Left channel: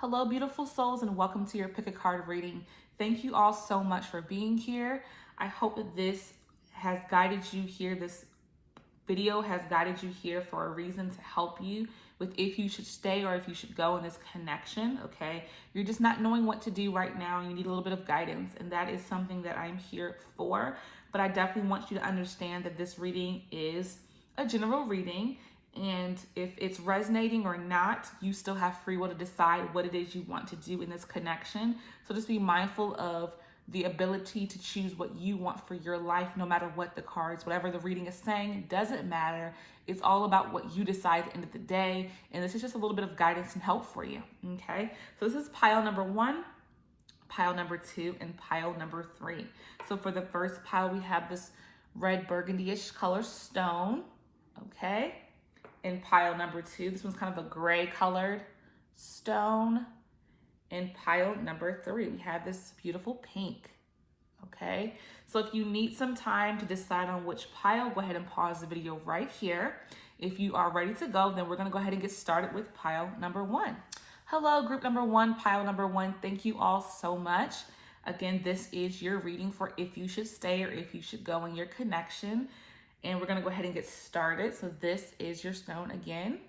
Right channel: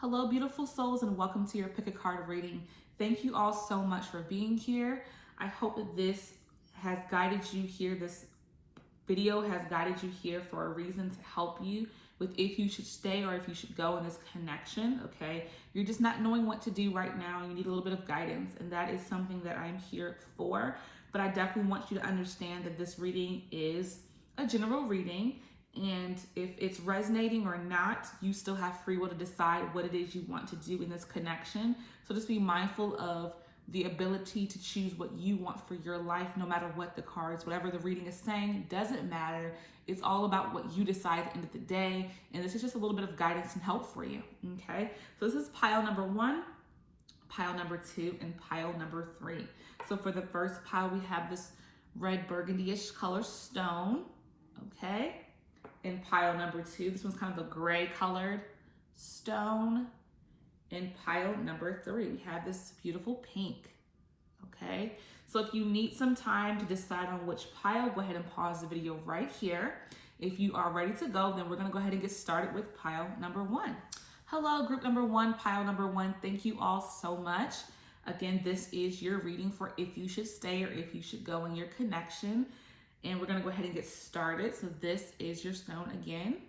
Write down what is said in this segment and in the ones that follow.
Hello, beautiful souls, and welcome to your Pick a Card reading. Thank you all so much for being here. I hope that this has guided you here. This video has guided you here for a reason to help you with if you should stay or if you should go in this connection, okay? You're just not knowing what to do right now. You need a little bit of guidance, and that is something that I'm here for. But I definitely want you to understand that this reading is a general reading. And if it's resonating or not, you still have free will to decide what it is you want to do in this connection. So just be mindful of the ability to choose what you want for your life, no matter what the cards, whatever the reading is saying, it doesn't matter. It's all about what you decide at the end of the day. And this is just a little bit of guidance and help for you, okay? So this is pile number 1, pile number 2, and pile number 3. So for the first pile, we have this red burgundy-ish color stone, okay? In pile number 2, this one's kind of a gray colored stone. In pile number 3, we have this beautiful pink, okay? So if you need some time to decide on which pile, go ahead and pause the video right here. If you are ready to go, then we're gonna go ahead and get started with pile number 1. Hello, group number 1, pile number 1. Thank you all so much. Again, this is your reading for if you should stay or if you should go in your connection. And we're gonna go ahead and get started. So this is your stone again.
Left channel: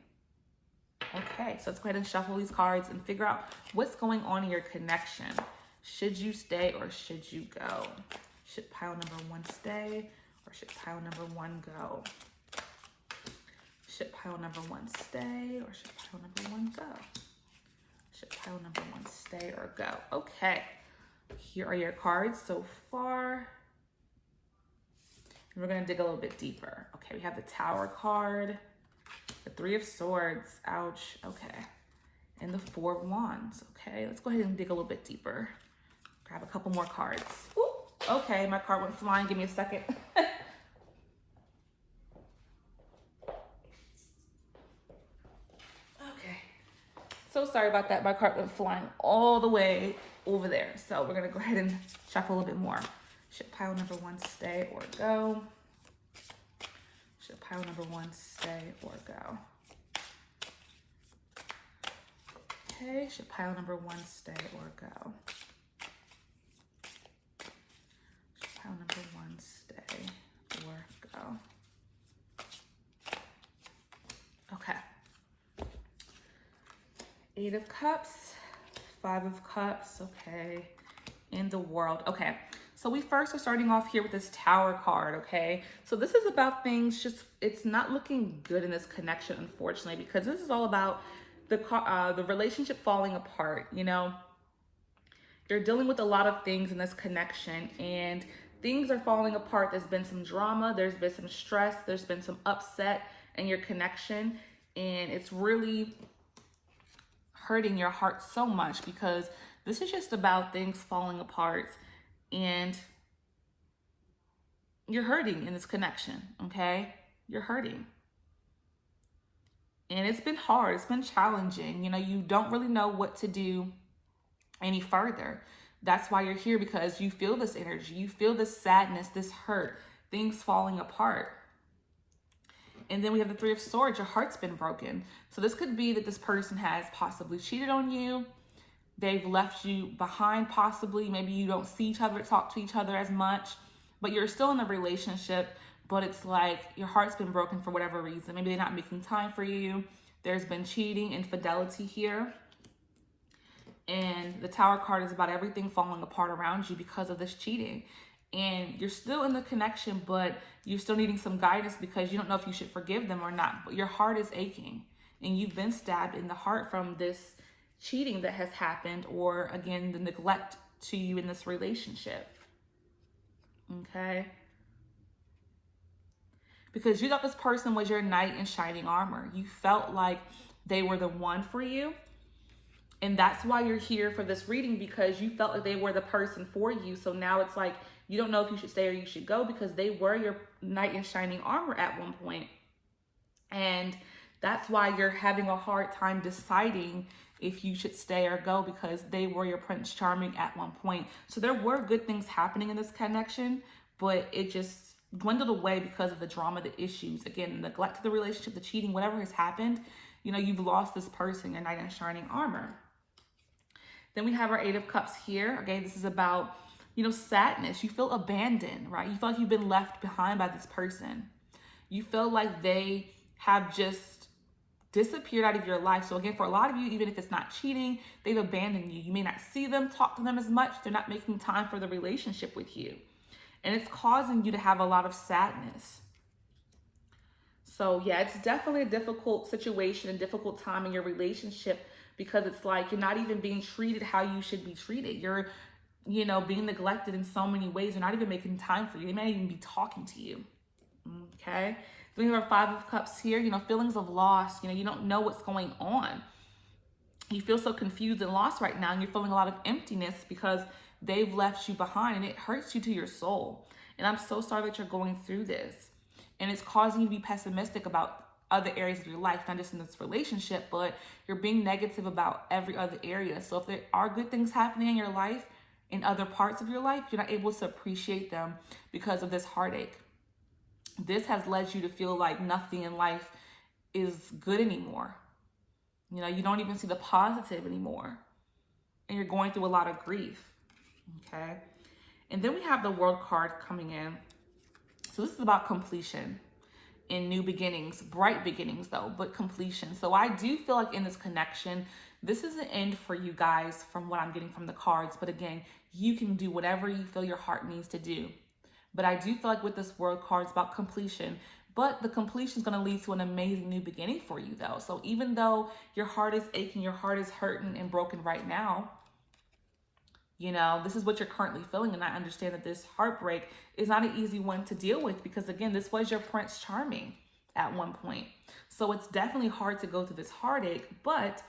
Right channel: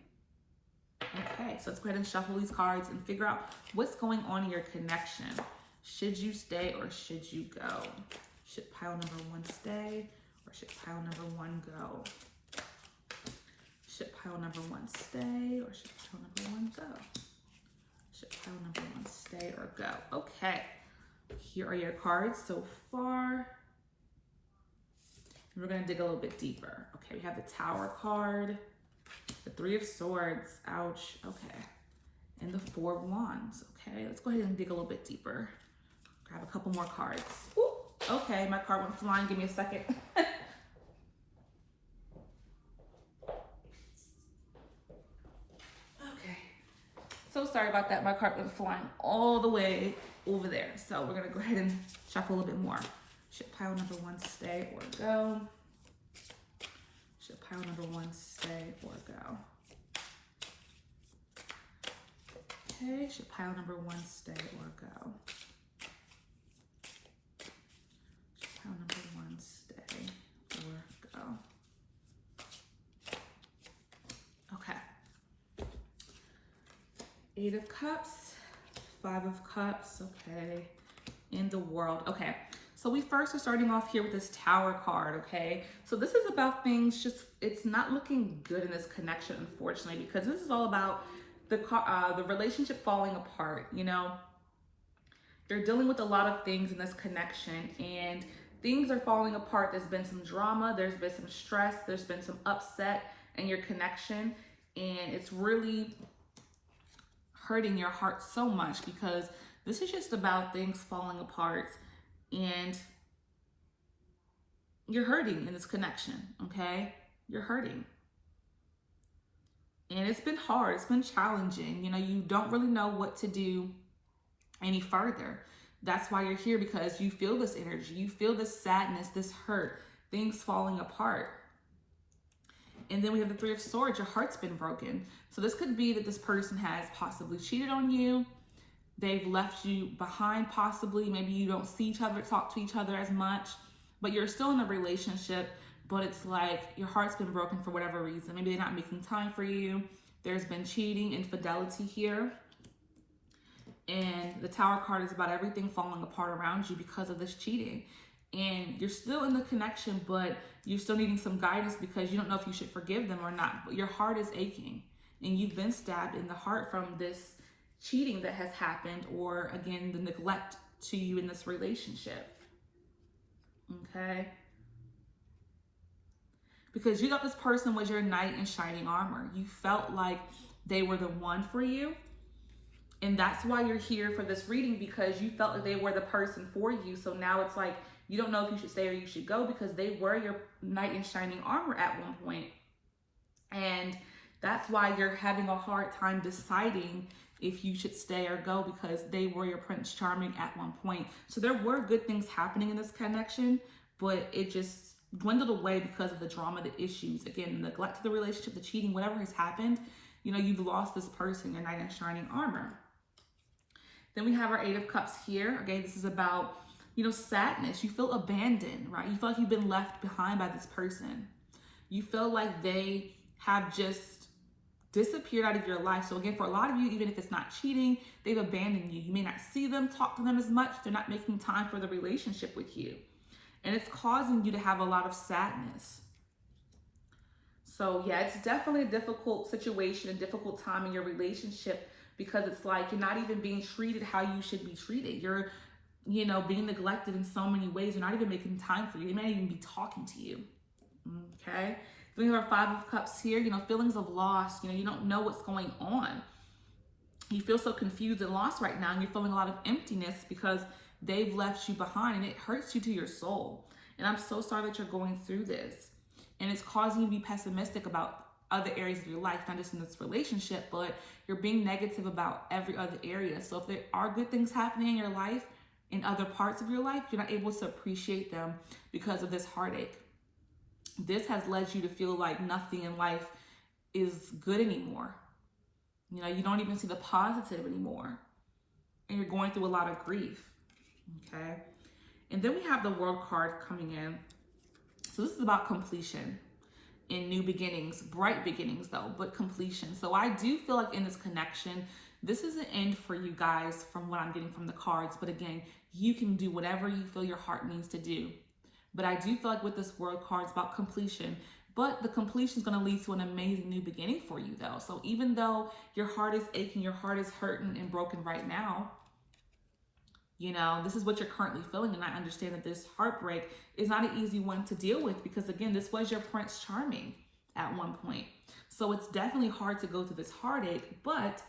Okay, so let's go ahead and shuffle these cards and figure out what's going on in your connection. Should you stay or should you go? Should pile number 1 stay or should pile number 1 go? Should pile number 1 stay or should pile number 1 go? Should pile number 1 stay or go? Okay, here are your cards so far. And we're gonna dig a little bit deeper. Okay, we have the Tower card, the 3 of Swords, ouch, okay. And the 4 of Wands, okay. Let's go ahead and dig a little bit deeper. Grab a couple more cards. Ooh, okay, my card went flying, give me a second. Okay, so sorry about that. My card went flying all the way over there. So we're gonna go ahead and shuffle a little bit more. Should pile number 1 stay or go? Should pile number 1 stay or go? Okay, should pile number 1 stay or go? Should pile number 1 stay or go? Okay. 8 of Cups, 5 of Cups, okay. In the World, okay. So we first are starting off here with this Tower card, okay? So this is about things just, it's not looking good in this connection, unfortunately, because this is all about the relationship falling apart, you know? You're dealing with a lot of things in this connection and things are falling apart. There's been some drama, there's been some stress, there's been some upset in your connection, and it's really hurting your heart so much because this is just about things falling apart. And you're hurting in this connection, okay? You're hurting. And it's been hard, it's been challenging. You know, you don't really know what to do any further. That's why you're here, because you feel this energy, you feel this sadness, this hurt, things falling apart. And then we have the 3 of Swords, your heart's been broken. So this could be that this person has possibly cheated on you. They've left you behind possibly. Maybe you don't see each other, talk to each other as much, but you're still in a relationship, but it's like your heart's been broken for whatever reason. Maybe they're not making time for you. There's been cheating, infidelity here. And the Tower card is about everything falling apart around you because of this cheating. And you're still in the connection, but you're still needing some guidance because you don't know if you should forgive them or not. But your heart is aching and you've been stabbed in the heart from this cheating that has happened, or again, the neglect to you in this relationship, okay? Because you thought this person was your knight in shining armor. You felt like they were the one for you, and that's why you're here for this reading, because you felt like they were the person for you. So now it's like you don't know if you should stay or you should go, because they were your knight in shining armor at one point. And that's why you're having a hard time deciding if you should stay or go, because they were your Prince Charming at one point. So there were good things happening in this connection, but it just dwindled away because of the drama, the issues, again, the neglect to the relationship, the cheating, whatever has happened. You know, you've lost this person, your knight in shining armor. Then we have our Eight of Cups here. Okay, this is about, sadness. You feel abandoned, right? You feel like you've been left behind by this person. You feel like they have just disappeared out of your life. So again, for a lot of you, even if it's not cheating, they've abandoned you. You may not see them, talk to them as much. They're not making time for the relationship with you. And it's causing you to have a lot of sadness. So yeah, it's definitely a difficult situation and difficult time in your relationship, because it's like you're not even being treated how you should be treated. You're, being neglected in so many ways. They're not even making time for you. They might even be talking to you. Okay. Then we have our Five of Cups here, feelings of loss. You don't know what's going on. You feel so confused and lost right now, and you're feeling a lot of emptiness because they've left you behind, and it hurts you to your soul. And I'm so sorry that you're going through this. And it's causing you to be pessimistic about other areas of your life, not just in this relationship, but you're being negative about every other area. So if there are good things happening in your life, in other parts of your life, you're not able to appreciate them because of this heartache. This has led you to feel like nothing in life is good anymore. You don't even see the positive anymore. And you're going through a lot of grief. Okay. And then we have the World card coming in. So this is about completion and new beginnings, bright beginnings though, but completion. So I do feel like in this connection, this is an end for you guys from what I'm getting from the cards. But again, you can do whatever you feel your heart needs to do. But I do feel like with this World card, it's about completion. But the completion is going to lead to an amazing new beginning for you though. So even though your heart is aching, your heart is hurting and broken right now, this is what you're currently feeling. And I understand that this heartbreak is not an easy one to deal with, because again, this was your Prince Charming at one point. So it's definitely hard to go through this heartache. But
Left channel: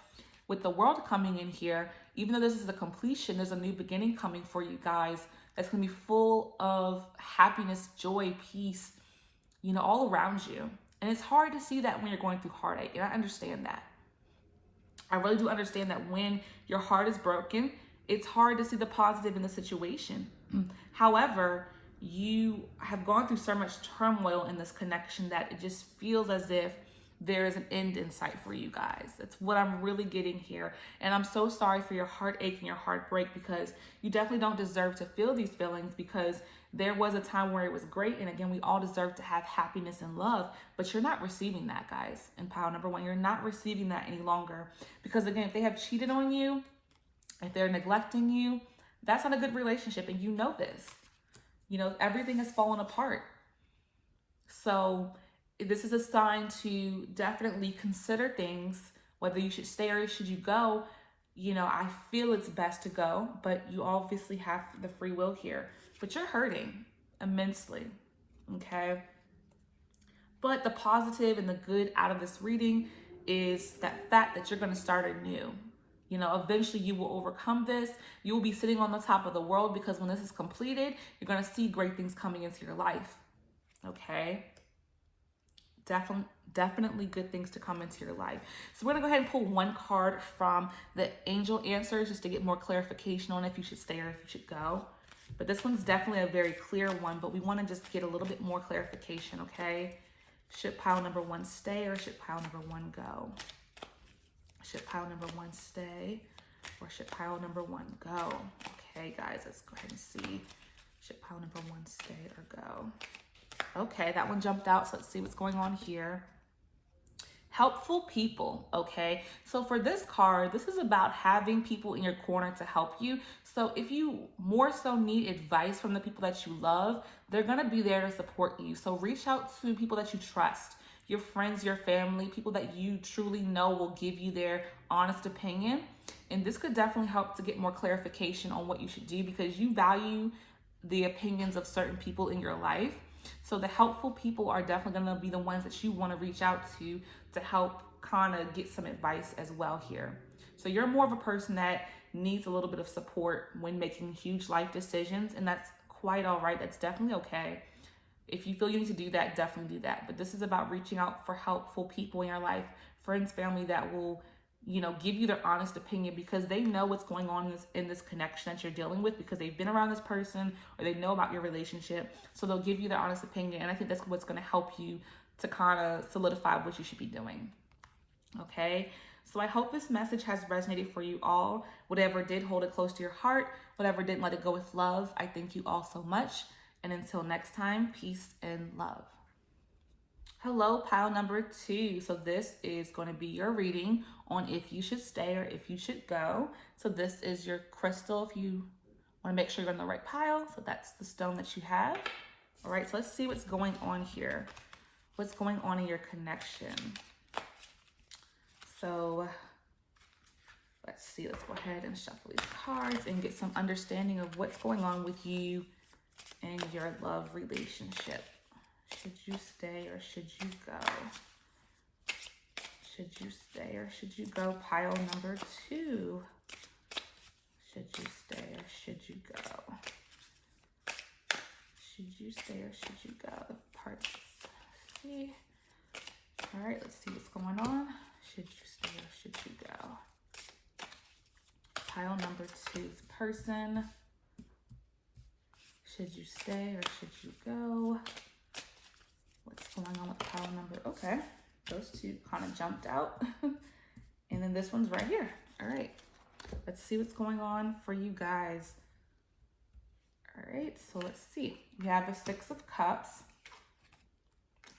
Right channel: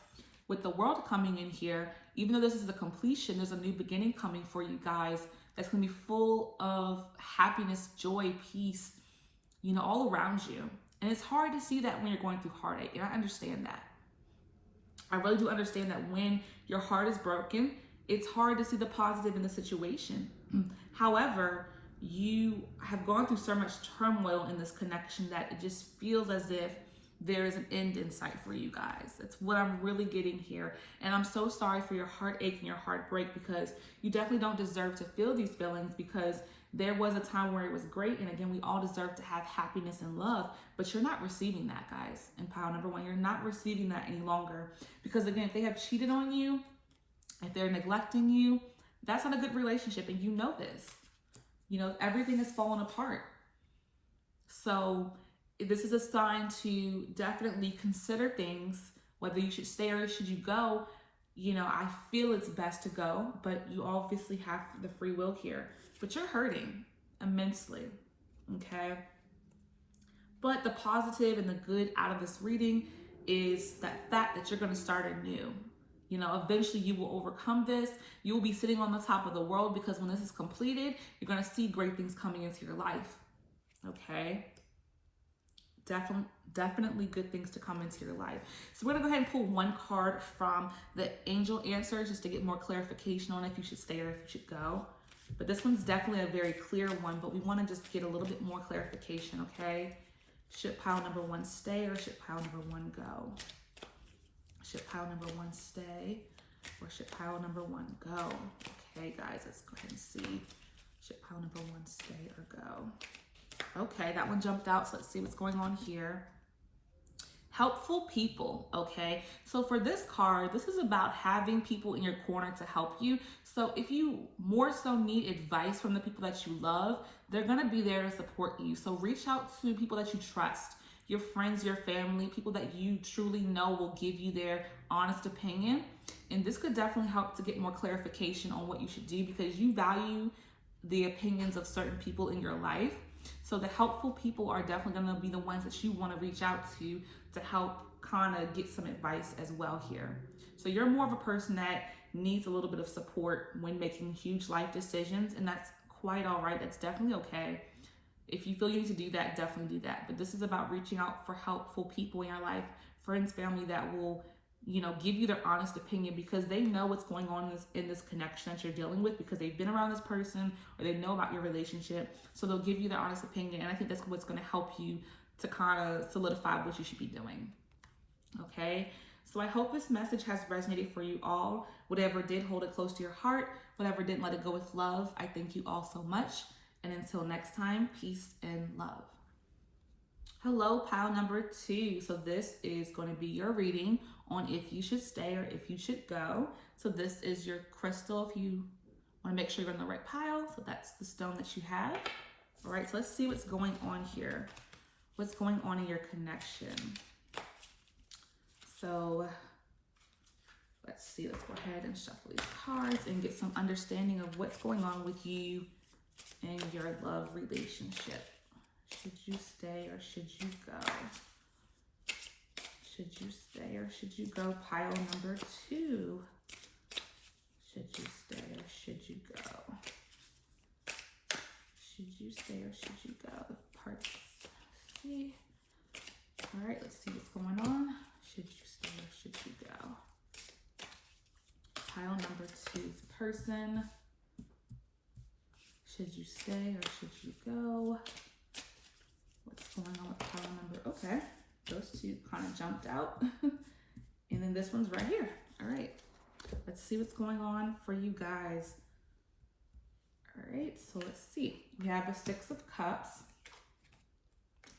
with the World coming in here, even though this is a completion, there's a new beginning coming for you guys that's going to be full of happiness, joy, peace, all around you. And it's hard to see that when you're going through heartache. And I understand that. I really do understand that when your heart is broken, it's hard to see the positive in the situation. However, you have gone through so much turmoil in this connection that it just feels as if there is an end in sight for you guys. That's what I'm really getting here. And I'm so sorry for your heartache and your heartbreak, because you definitely don't deserve to feel these feelings, because there was a time where it was great. And again, we all deserve to have happiness and love, but you're not receiving that, guys. In pile number one, you're not receiving that any longer, because again, if they have cheated on you, if they're neglecting you, that's not a good relationship. And you know this. Everything is falling apart. So this is a sign to definitely consider things, whether you should stay or should you go. I feel it's best to go, but you obviously have the free will here. But you're hurting immensely, okay? But the positive and the good out of this reading is that fact that you're going to start anew. Eventually you will overcome this. You will be sitting on the top of the world, because when this is completed, you're going to see great things coming into your life, okay? Definitely good things to come into your life. So we're gonna go ahead and pull one card from the angel answers, just to get more clarification on if you should stay or if you should go. But this one's definitely a very clear one, but we want to just get a little bit more clarification, okay? Should pile number one stay, or should pile number one go? Should pile number one stay, or should pile number one go? Okay, guys, let's go ahead and see. Should pile number one stay or go? Okay, that one jumped out, so let's see what's going on here. Helpful people, okay? So for this card, this is about having people in your corner to help you. So if you more so need advice from the people that you love, they're gonna be there to support you. So reach out to people that you trust, your friends, your family, people that you truly know will give you their honest opinion. And this could definitely help to get more clarification on what you should do, because you value the opinions of certain people in your life. So the helpful people are definitely going to be the ones that you want to reach out to help kind of get some advice as well here. So you're more of a person that needs a little bit of support when making huge life decisions, and that's quite all right. That's definitely okay. If you feel you need to do that, definitely do that. But this is about reaching out for helpful people in your life, friends, family that will, give you their honest opinion, because they know what's going on in this connection that you're dealing with, because they've been around this person or they know about your relationship. So they'll give you their honest opinion. And I think that's what's going to help you to kind of solidify what you should be doing. Okay. So I hope this message has resonated for you all. Whatever did, hold it close to your heart. Whatever didn't, let it go with love. I thank you all so much. And until next time, peace and love. Hello, pile number 2. So this is going to be your reading on if you should stay or if you should go. So this is your crystal if you want to make sure you're in the right pile. So that's the stone that you have. All right, so let's see what's going on here. What's going on in your connection? So let's see, let's go ahead and shuffle these cards and get some understanding of what's going on with you and your love relationship. Should you stay or should you go? Should you stay or should you go? Pile number 2. Should you stay or should you go? Should you stay or should you go? Parts. See. All right, let's see what's going on. Should you stay or should you go? Pile number 2 is person. Should you stay or should you go? What's going on with pile number? Okay, those 2 kind of jumped out. And then this one's right here. All right, let's see what's going on for you guys. All right, so let's see. You have the 6 of Cups,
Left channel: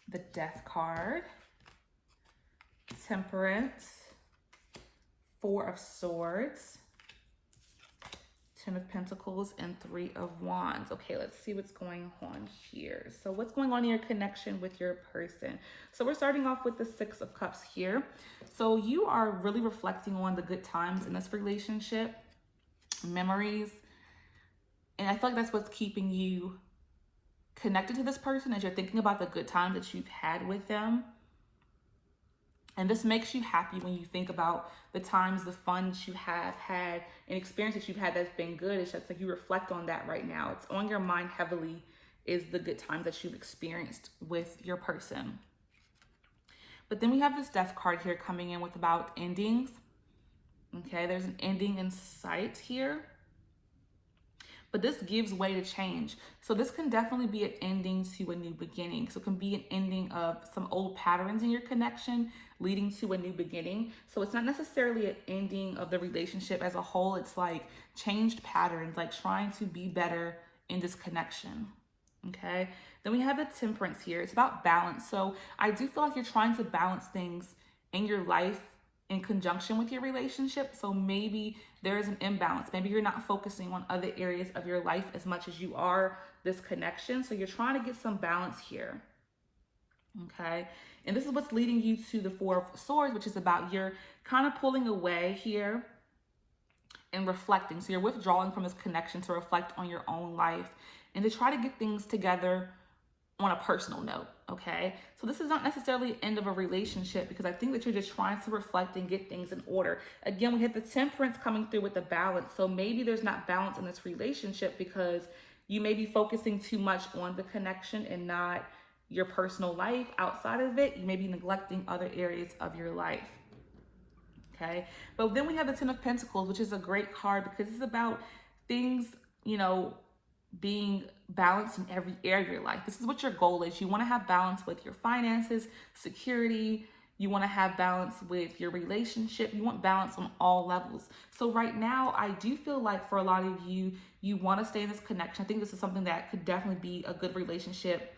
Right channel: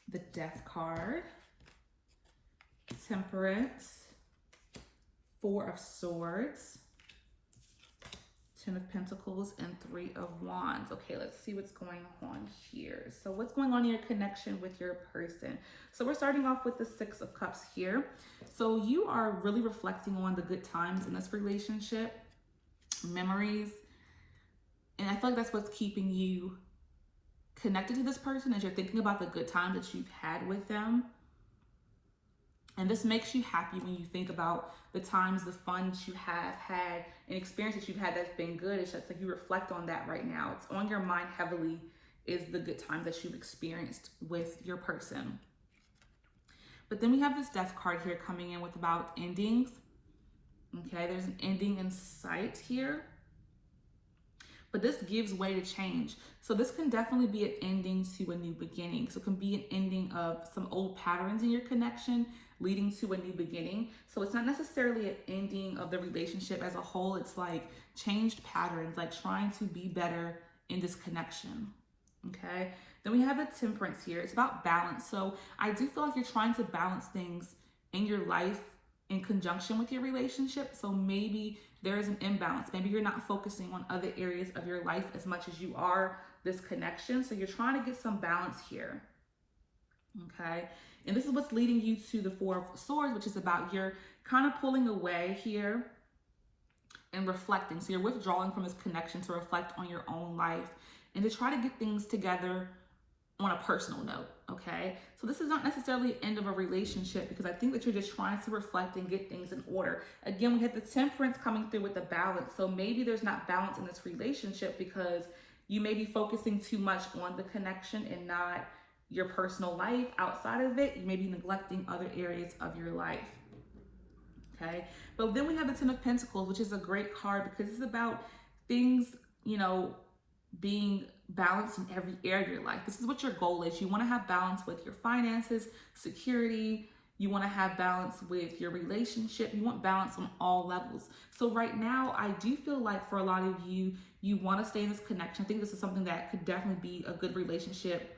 the Death card, Temperance, 4 of Swords, 10 of Pentacles, and 3 of Wands. Okay, let's see what's going on here. So what's going on in your connection with your person? So we're starting off with the 6 of Cups here. So you are really reflecting on the good times in this relationship, memories. And I feel like that's what's keeping you connected to this person, as you're thinking about the good times that you've had with them. And this makes you happy when you think about the times, the fun that you have had, and experience that you've had that's been good. It's just like you reflect on that right now. It's on your mind heavily, is the good times that you've experienced with your person. But then we have this Death card here coming in with about endings. Okay, there's an ending in sight here. But this gives way to change. So this can definitely be an ending to a new beginning. So it can be an ending of some old patterns in your connection leading to a new beginning. So it's not necessarily an ending of the relationship as a whole. It's like changed patterns, like trying to be better in this connection. Okay. Then we have the Temperance here. It's about balance. So I do feel like you're trying to balance things in your life in conjunction with your relationship. So maybe there is an imbalance. Maybe you're not focusing on other areas of your life as much as you are this connection. So you're trying to get some balance here. Okay. And this is what's leading you to the 4 of Swords, which is about you're kind of pulling away here and reflecting. So you're withdrawing from this connection to reflect on your own life and to try to get things together on a personal note. Okay. So this is not necessarily the end of a relationship, because I think that you're just trying to reflect and get things in order. Again, we have the Temperance coming through with the balance. So maybe there's not balance in this relationship because you may be focusing too much on the connection and not your personal life outside of it. You may be neglecting other areas of your life. Okay. But then we have the 10 of Pentacles, which is a great card because it's about things, you know, being balanced in every area of your life. This is what your goal is. You want to have balance with your finances, security. You want to have balance with your relationship. You want balance on all levels. So right now, I do feel like for a lot of you, you want to stay in this connection. I think this is something that could definitely be a good relationship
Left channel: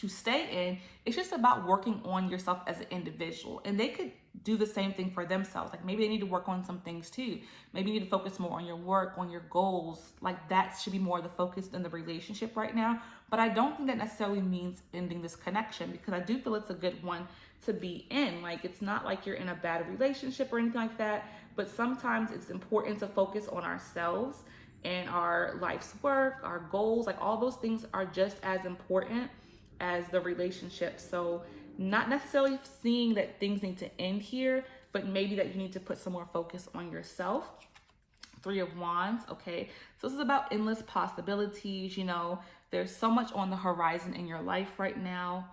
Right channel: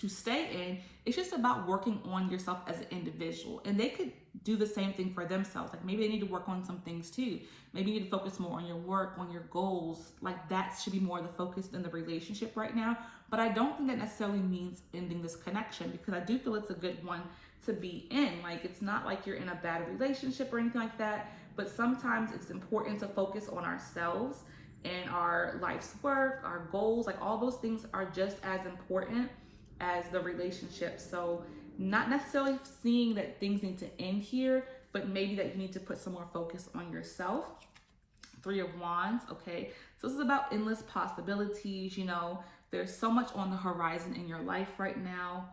to stay in. It's just about working on yourself as an individual, and they could do the same thing for themselves. Like maybe they need to work on some things too. Maybe you need to focus more on your work, on your goals. Like that should be more the focus in the relationship right now. But I don't think that necessarily means ending this connection, because I do feel it's a good one to be in. Like it's not like you're in a bad relationship or anything like that, but sometimes it's important to focus on ourselves and our life's work, our goals. Like all those things are just as important as the relationship. So not necessarily seeing that things need to end here, but maybe that you need to put some more focus on yourself. 3 of Wands. Okay, so this is about endless possibilities. You know, there's so much on the horizon in your life right now.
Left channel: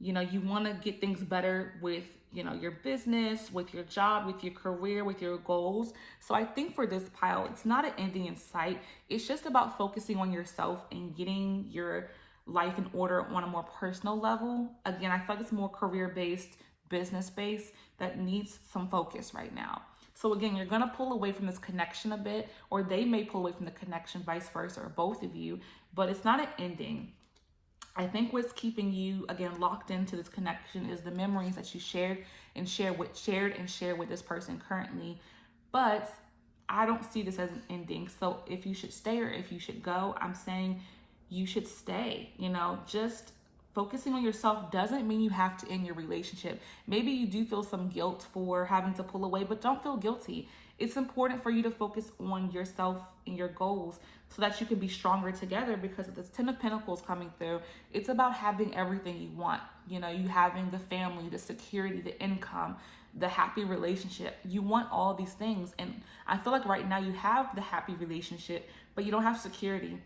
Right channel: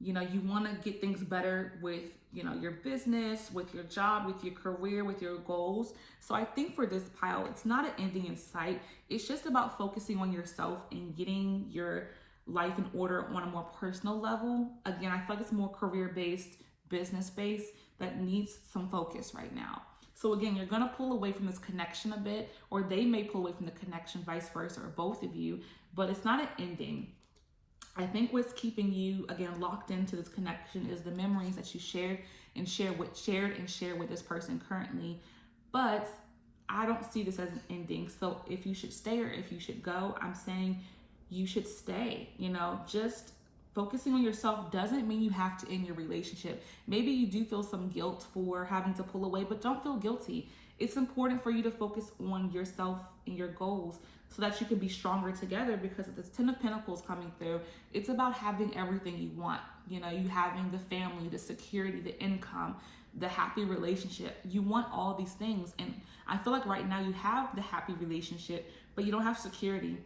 You know, you want to get things better with, you know, your business, with your job, with your career, with your goals. So I think for this pile, it's not an ending in sight. It's just about focusing on yourself and getting your life in order on a more personal level. Again, I feel like it's more career-based, business-based, that needs some focus right now. So again, you're going to pull away from this connection a bit, or they may pull away from the connection, vice versa, or both of you, but it's not an ending. I think what's keeping you, again, locked into this connection is the memories that you shared with this person currently. But I don't see this as an ending. So if you should stay or if you should go, I'm saying you should stay. Just focusing on yourself doesn't mean you have to end your relationship. Maybe you do feel some guilt for having to pull away, but don't feel guilty. It's important for you to focus on yourself and your goals so that you can be stronger together, because this 10 of Pentacles coming through, it's about having everything you want. You having the family, the security, the income, the happy relationship. You want all these things. And I feel like right now you have the happy relationship, but you don't have security,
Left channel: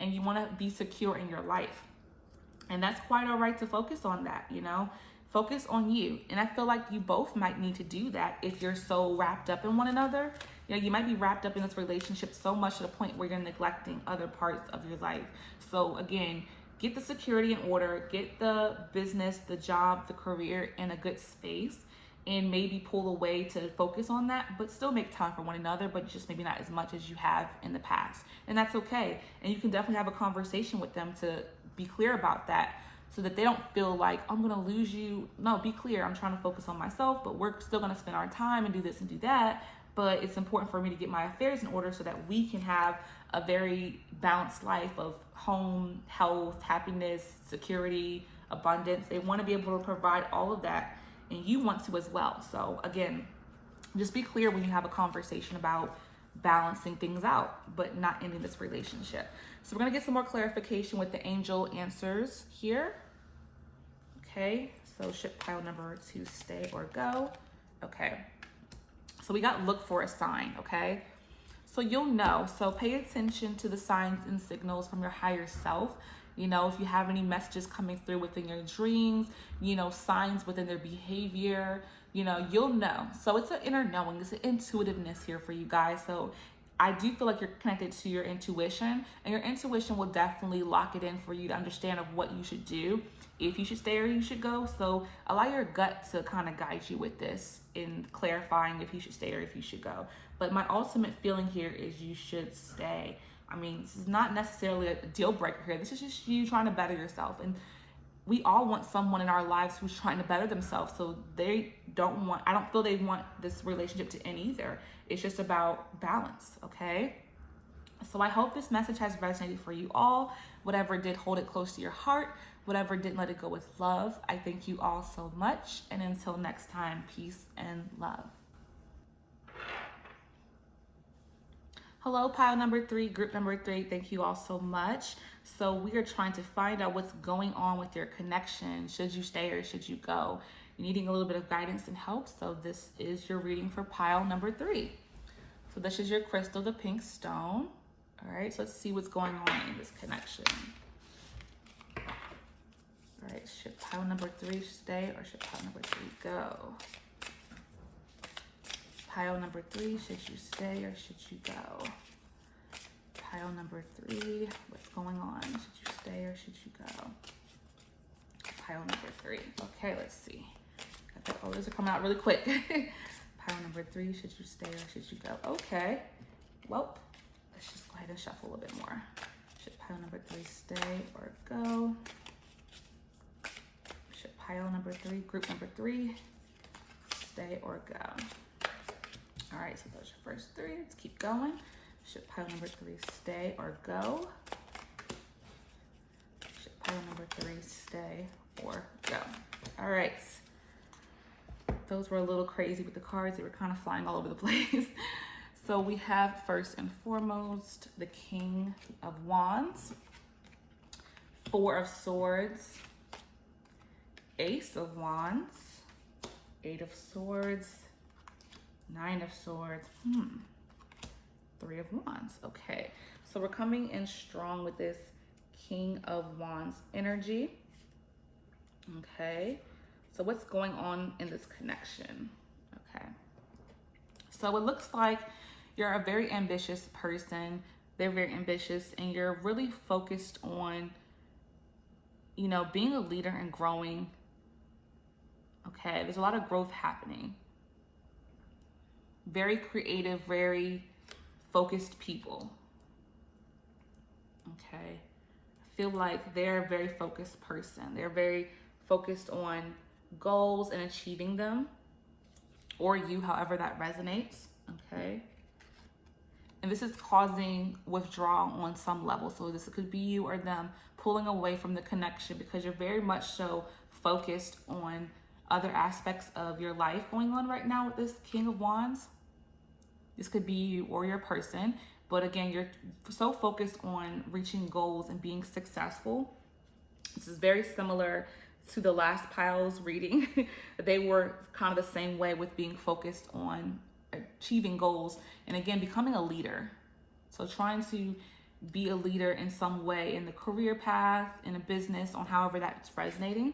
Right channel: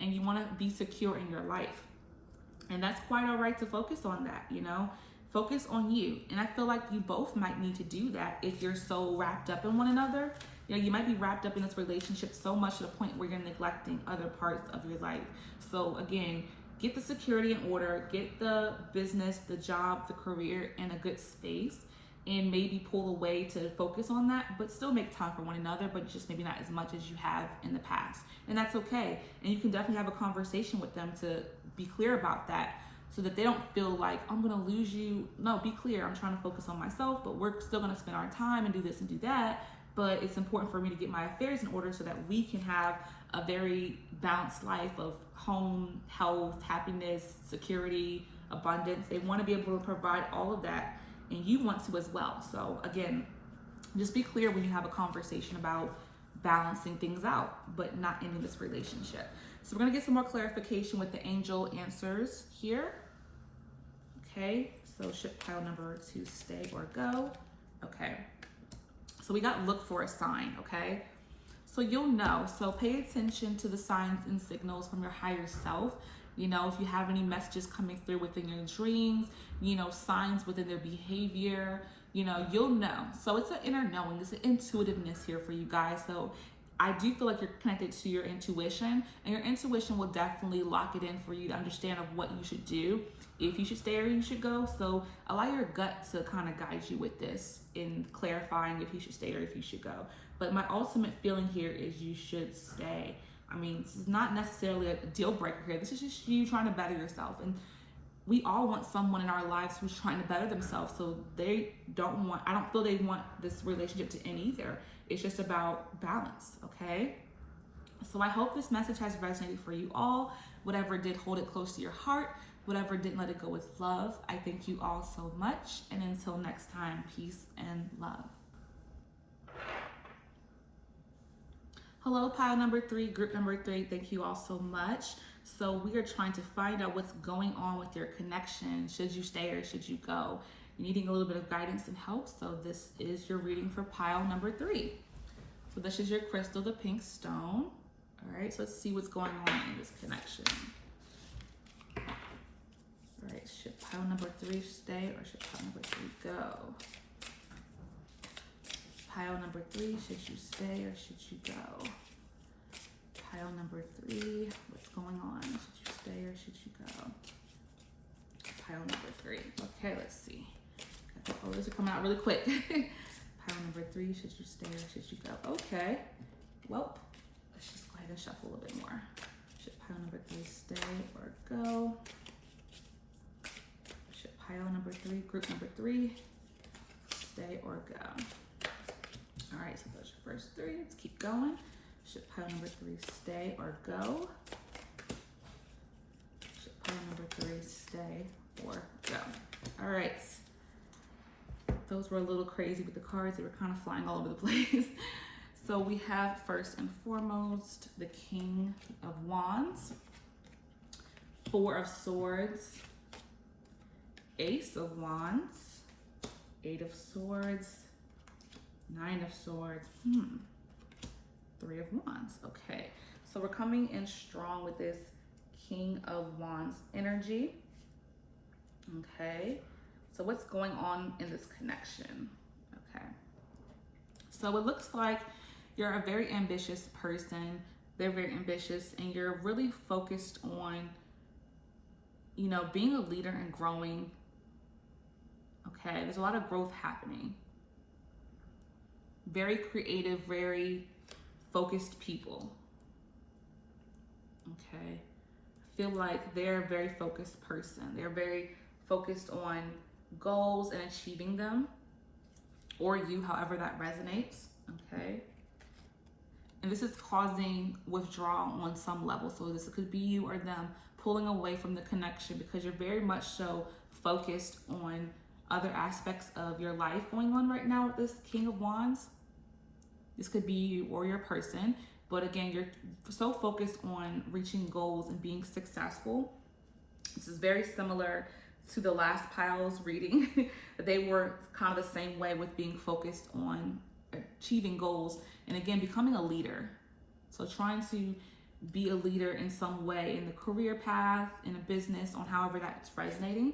and you want to be secure in your life. And that's quite all right to focus on that, focus on you. And I feel like you both might need to do that if you're so wrapped up in one another. You might be wrapped up in this relationship so much to the point where you're neglecting other parts of your life. So again, get the security in order, get the business, the job, the career in a good space, and maybe pull away to focus on that, but still make time for one another, but just maybe not as much as you have in the past. And that's okay. And you can definitely have a conversation with them to be clear about that, so that they don't feel like, I'm gonna lose you. No, be clear. I'm trying to focus on myself, but we're still gonna spend our time and do this and do that. But it's important for me to get my affairs in order so that we can have a very balanced life of home, health, happiness, security, abundance. They want to be able to provide all of that, and you want to as well. So again, just be clear when you have a conversation about balancing things out, but not ending this relationship. So we're going to get some more clarification with the angel answers here. Okay, so ship pile number 2, stay or go. Okay, so we got look for a sign, okay? So you'll know. So pay attention to the signs and signals from your higher self. If you have any messages coming through within your dreams, signs within their behavior, you'll know. So it's an inner knowing, it's an intuitiveness here for you guys. So I do feel like you're connected to your intuition, and your intuition will definitely lock it in for you to understand of what you should do, if you should stay or you should go. So allow your gut to kind of guide you with this in clarifying if you should stay or if you should go. But my ultimate feeling here is you should stay. I mean, this is not necessarily a deal breaker here. This is just you trying to better yourself. And we all want someone in our lives who's trying to better themselves. So I don't feel they want this relationship to end either. It's just about balance, okay? So I hope this message has resonated for you all. Whatever did, hold it close to your heart. Whatever didn't, let it go with love. I thank you all so much. And until next time, peace and love. Hello, pile number 3, group number 3. Thank you all so much. So we are trying to find out what's going on with your connection. Should you stay or should you go? You're needing a little bit of guidance and help. So this is your reading for pile number 3. So this is your crystal, the pink stone. All right, so let's see what's going on in this connection. All right, should pile number 3 stay or should pile number 3 go? Pile number 3, should you stay or should you go? Pile number 3, what's going on? Should you stay or should you go? Pile number 3. Okay, let's see. Oh, this will come out really quick. Pile number 3, should you stay or should you go? Okay. Well, let's just go ahead and shuffle a little bit more. Should pile number 3 stay or go? Should pile number 3, group number 3, stay or go? All right, so those are your first 3. Let's keep going. Should pile number 3 stay or go? Should pile number 3 stay or go? All right. Those were a little crazy with the cards. They were kind of flying all over the place. So we have first and foremost the King of Wands, 4 of Swords, Ace of Wands, 8 of Swords, 9 of Swords, 3 of Wands. Okay, so we're coming in strong with this King of Wands energy. Okay, so what's going on in this connection? Okay, so it looks like you're a very ambitious person. They're very ambitious, and you're really focused on, being a leader and growing. Okay, there's a lot of growth happening. Very creative, very focused people. Okay, I feel like they're a very focused person. They're very focused on goals and achieving them, or you, however that resonates. Okay, and this is causing withdrawal on some level. So this could be you or them pulling away from the connection because you're very much so focused on other aspects of your life going on right now with this King of Wands. This could be you or your person, but again, you're so focused on reaching goals and being successful. This is very similar to the last pile's reading. They were kind of the same way with being focused on achieving goals and again, becoming a leader. So trying to be a leader in some way in the career path, in a business, on however that's resonating.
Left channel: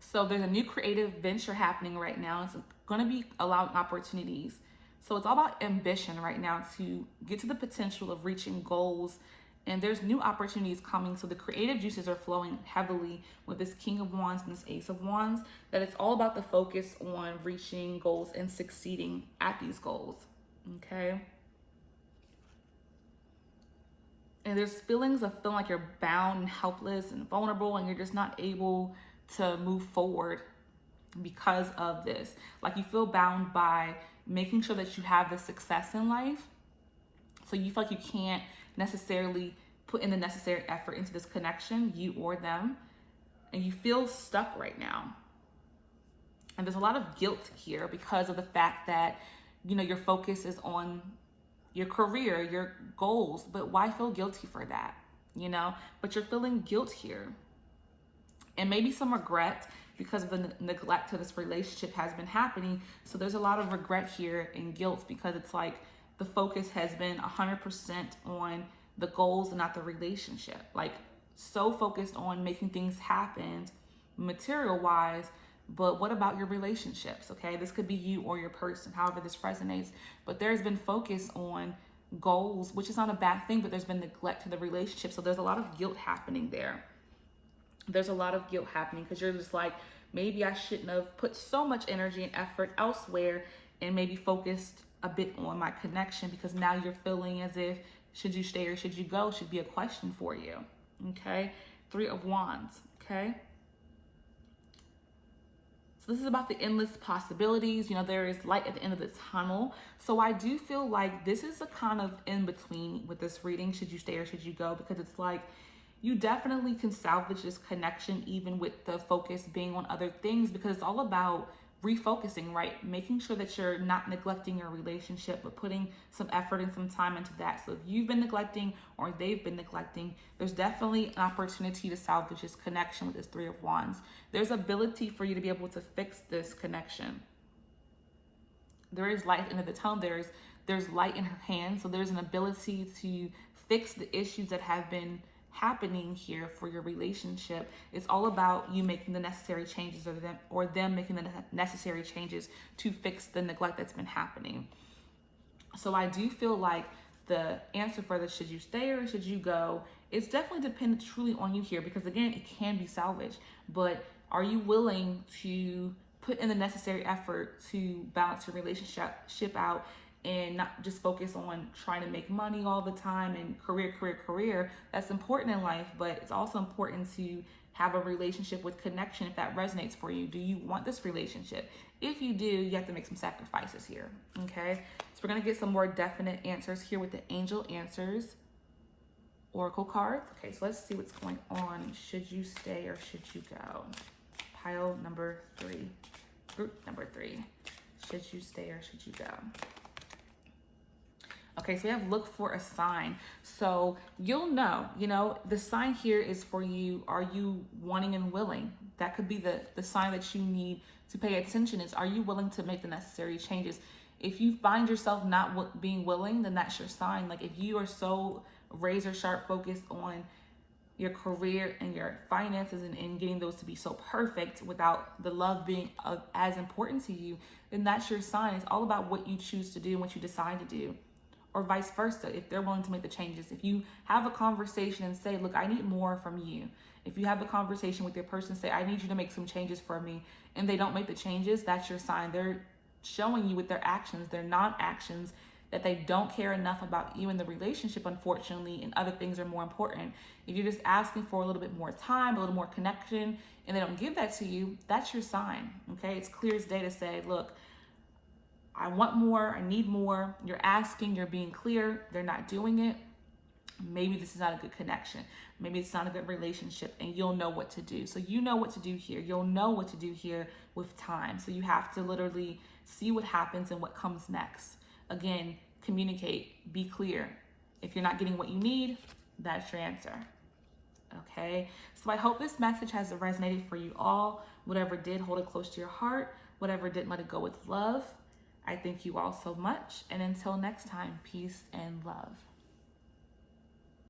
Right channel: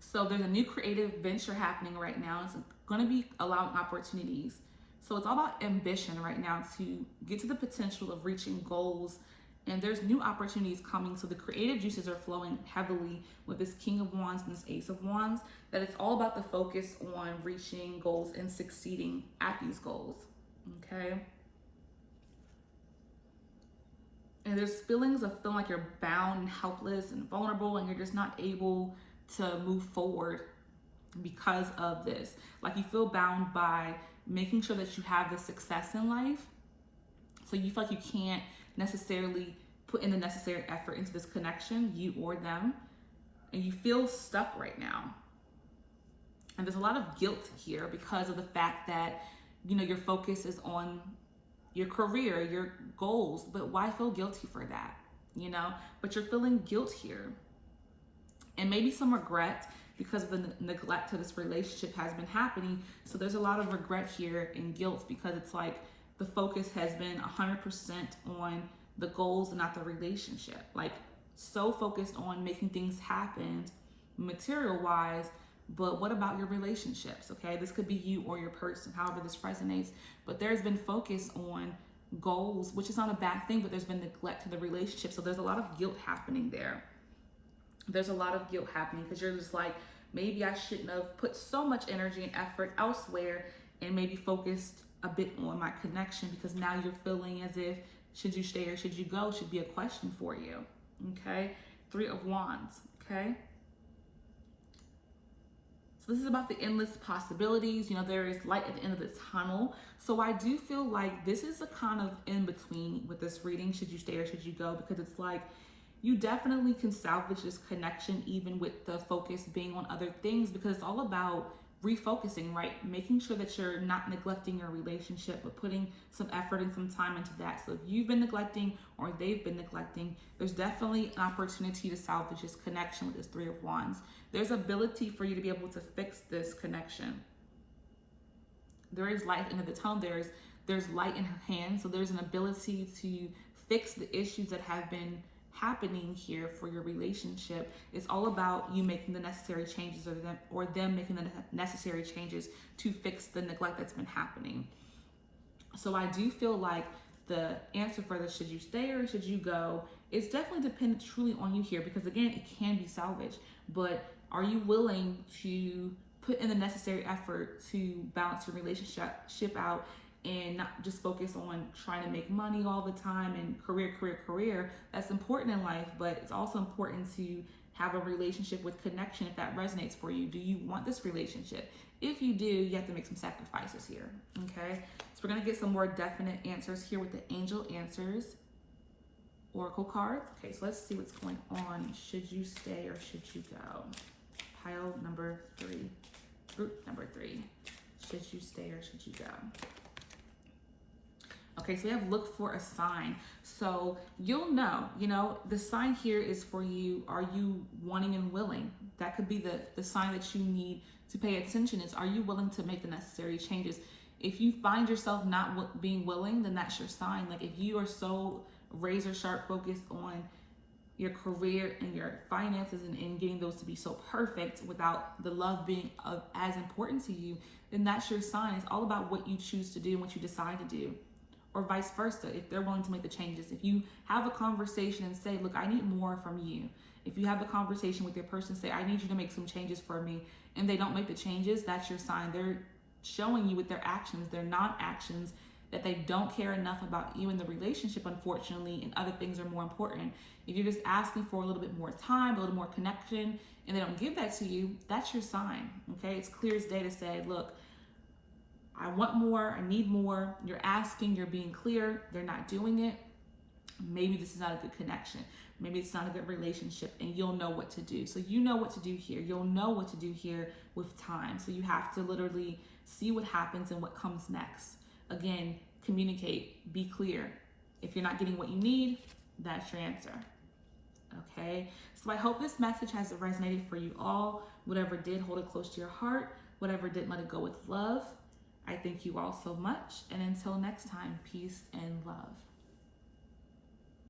So there's a new creative venture happening right now. It's going to be allowing opportunities. So it's all about ambition right now to get to the potential of reaching goals. And there's new opportunities coming. So the creative juices are flowing heavily with this King of Wands and this Ace of Wands. That it's all about the focus on reaching goals and succeeding at these goals. Okay. And there's feelings of feeling like you're bound and helpless and vulnerable and you're just not able to move forward because of this. Like you feel bound by making sure that you have the success in life. So you feel like you can't necessarily put in the necessary effort into this connection, you or them, and you feel stuck right now. And there's a lot of guilt here because of the fact that, your focus is on your career, your goals, but why feel guilty for that? But you're feeling guilt here. And maybe some regret because of the neglect to this relationship has been happening. So there's a lot of regret here and guilt because it's like the focus has been 100% on the goals and not the relationship. Like so focused on making things happen material wise, but what about your relationships? Okay, this could be you or your person, however this resonates, but there's been focus on goals, which is not a bad thing, but there's been neglect to the relationship. So there's a lot of guilt happening there. There's a lot of guilt happening because you're just like, maybe I shouldn't have put so much energy and effort elsewhere and maybe focused a bit on my connection, because now you're feeling as if should you stay or should you go should be a question for you. Okay, 3 of Wands. Okay, so this is about the endless possibilities. There is light at the end of the tunnel. So I do feel like this is a kind of in between with this reading, should you stay or should you go, because it's like you definitely can salvage this connection even with the focus being on other things, because it's all about refocusing, right? Making sure that you're not neglecting your relationship, but putting some effort and some time into that. So if you've been neglecting or they've been neglecting, there's definitely an opportunity to salvage this connection with this 3 of Wands. There's ability for you to be able to fix this connection. There is light into the tunnel. There's light in her hand. So there's an ability to fix the issues that have been happening here for your relationship. It's all about you making the necessary changes or them making the necessary changes to fix the neglect that's been happening. So I do feel like the answer for this, should you stay or should you go, it's definitely dependent truly on you here, because again, it can be salvaged, but are you willing to put in the necessary effort to balance your relationship out and not just focus on trying to make money all the time and career. That's important in life, but it's also important to have a relationship with connection if that resonates for you. Do you want this relationship? If you do, you have to make some sacrifices here, okay? So we're gonna get some more definite answers here with the Angel Answers Oracle cards. Okay, so let's see what's going on. Should you stay or should you go? Pile number 3, group number 3. Should you stay or should you go? Okay, so we have look for a sign. So you'll know, the sign here is for you. Are you wanting and willing? That could be the sign that you need to pay attention is, are you willing to make the necessary changes? If you find yourself not being willing, then that's your sign. Like if you are so razor sharp focused on your career and your finances and getting those to be so perfect without the love being as important to you, then that's your sign. It's all about what you choose to do and what you decide to do. or vice versa, if they're willing to make the changes. If you have a conversation and say, look, I need more from you. If you have the conversation with your person, say, I need you to make some changes for me, and they don't make the changes, that's your sign. They're showing you with their actions, their non-actions, that they don't care enough about you in the relationship, unfortunately, and other things are more important. If you're just asking for a little bit more time, a little more connection, and they don't give that to you, that's your sign, okay? It's clear as day to say, look, I want more, I need more. You're asking, you're being clear, they're not doing it. Maybe this is not a good connection. Maybe it's not a good relationship, and you'll know what to do. So you know what to do here. You'll know what to do here with time. So you have to literally see what happens and what comes next. Again, communicate, be clear. If you're not getting what you need, that's your answer. Okay, so I hope this message has resonated for you all. Whatever did, hold it close to your heart. Whatever didn't, let it go with love. I thank you all so much. And until next time, peace and love.